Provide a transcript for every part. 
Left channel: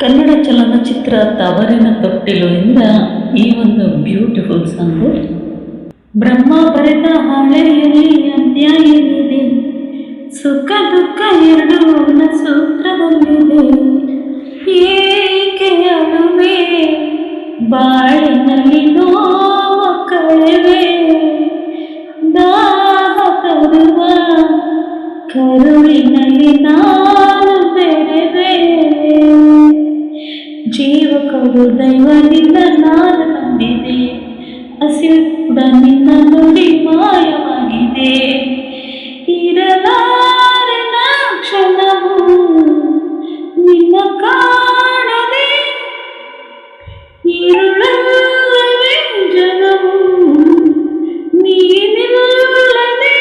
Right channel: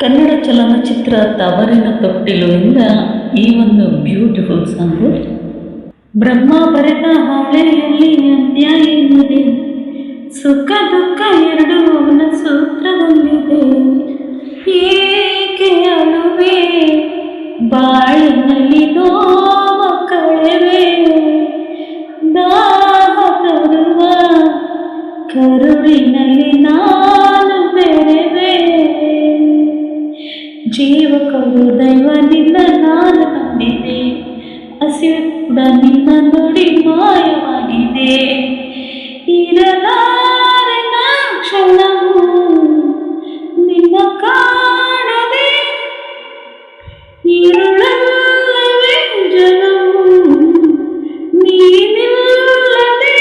ಕನ್ನಡ ಚಲನಚಿತ್ರ ತವರಿನ ತೊಟ್ಟಿಲು ಎಂದ ಈ ಒಂದು ಬ್ಯೂಟಿಫುಲ್ ಸಾಂಗು. ಬ್ರಹ್ಮ ಬರೆದ ಹಾಳೆಯಲ್ಲಿ ಅಂತ್ಯ ಏನಿದೆ, ಸುಖ ದುಃಖ ಎರಡು ಅವನ ಸೂತ್ರದಲ್ಲಿದೆ. ಏಕೆ ಅಳುವೆ ಬಾಳಿನಲ್ಲಿ ನೋವ ಕಳೆವೆ, ದಾಹ ತರುವ ಕರುಳಿನಲ್ಲಿ ನಾನು ಬೆರೆವೆ. ಜೀವ ಕೊಡು ದೈವ ನಿನ್ನ ನಾನು ನಂಬಿದೆ, ಹಸಿವು ಕೂಡ ನಿನ್ನ ನುಡಿ ಮಾಯವಾಗಿದೆ. ಇರಲಾರೆ ನಾ ಕ್ಷಣವು ನಿನ್ನ ಕಾಣದೆ, ഇരുളಲ್ಲವೇ ಜಗವು ನೀನಿಲ್ಲದೆ.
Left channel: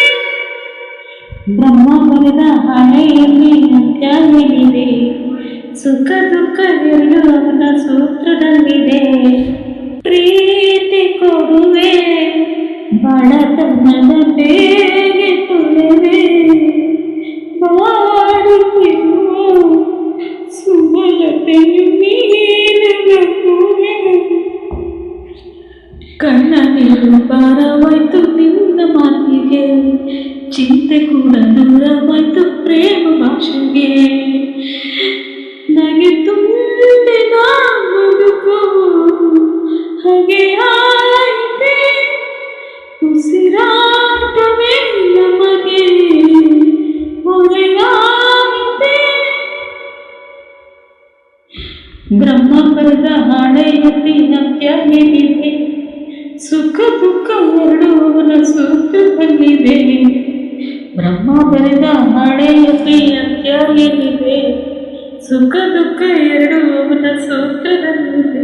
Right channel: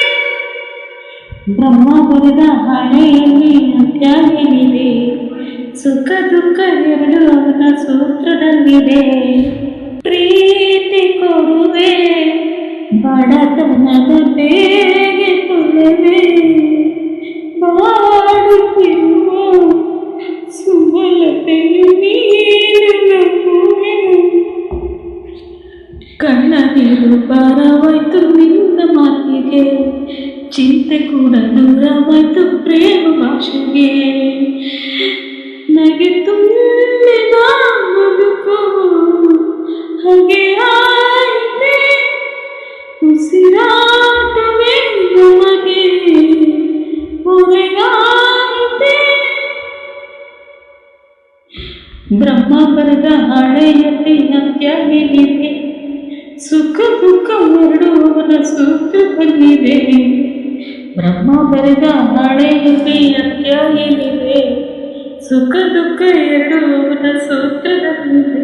ಬ್ರಹ್ಮ ಬರೆದ ಹಾಳೆಯಲ್ಲಿ ಅಂತ್ಯ ಏನಿದೆ, ಸುಖ ದುಃಖ ಎರಡು ಅವನ ಸೂತ್ರದಲ್ಲಿದೆ. ಪ್ರೀತಿ ಕೊಡುವೆ ಬಡತನದ ಬೇಗೆ ಕೊಡುವೆ, ಬಾಡುತ್ತಿರುವ ಸುಮಲತೆಯು ನೀನುವೆ. ಕಣ್ಣ ನೀರು ಭಾರವಾಯ್ತು ನಿನ್ನ ಮಾತಿಗೆ, ಚಿಂತೆ ಕೂಡ ದೂರವಾಯ್ತು ಪ್ರೇಮ ಭಾಷೆಗೆ. ನಗೆ ತುಂಬಿದ ಬದುಕು ಹಾಗೆ ಆಯಿತೆ, ಉಸಿರಾಟವೇ ನಮಗೆ ಹೊರೆಯಾಯಿತೆ. ಬ್ರಹ್ಮ ಬರೆದ ಹಾಳೆಯಲ್ಲಿ ಅಂತ್ಯ ಏನಿದೆ, ಸುಖ ದುಃಖ ಎರಡು ಅವನ ಸೂತ್ರದಲ್ಲಿದೆ. ಬ್ರಹ್ಮ ಬರೆದ ಹಾಳೆಯಲ್ಲಿ ಅಂತ್ಯ ಏನಿದೆ, ಸುಖ ದುಃಖ ಎರಡು ಅವನ ಸೂತ್ರದಲ್ಲಿದೆ.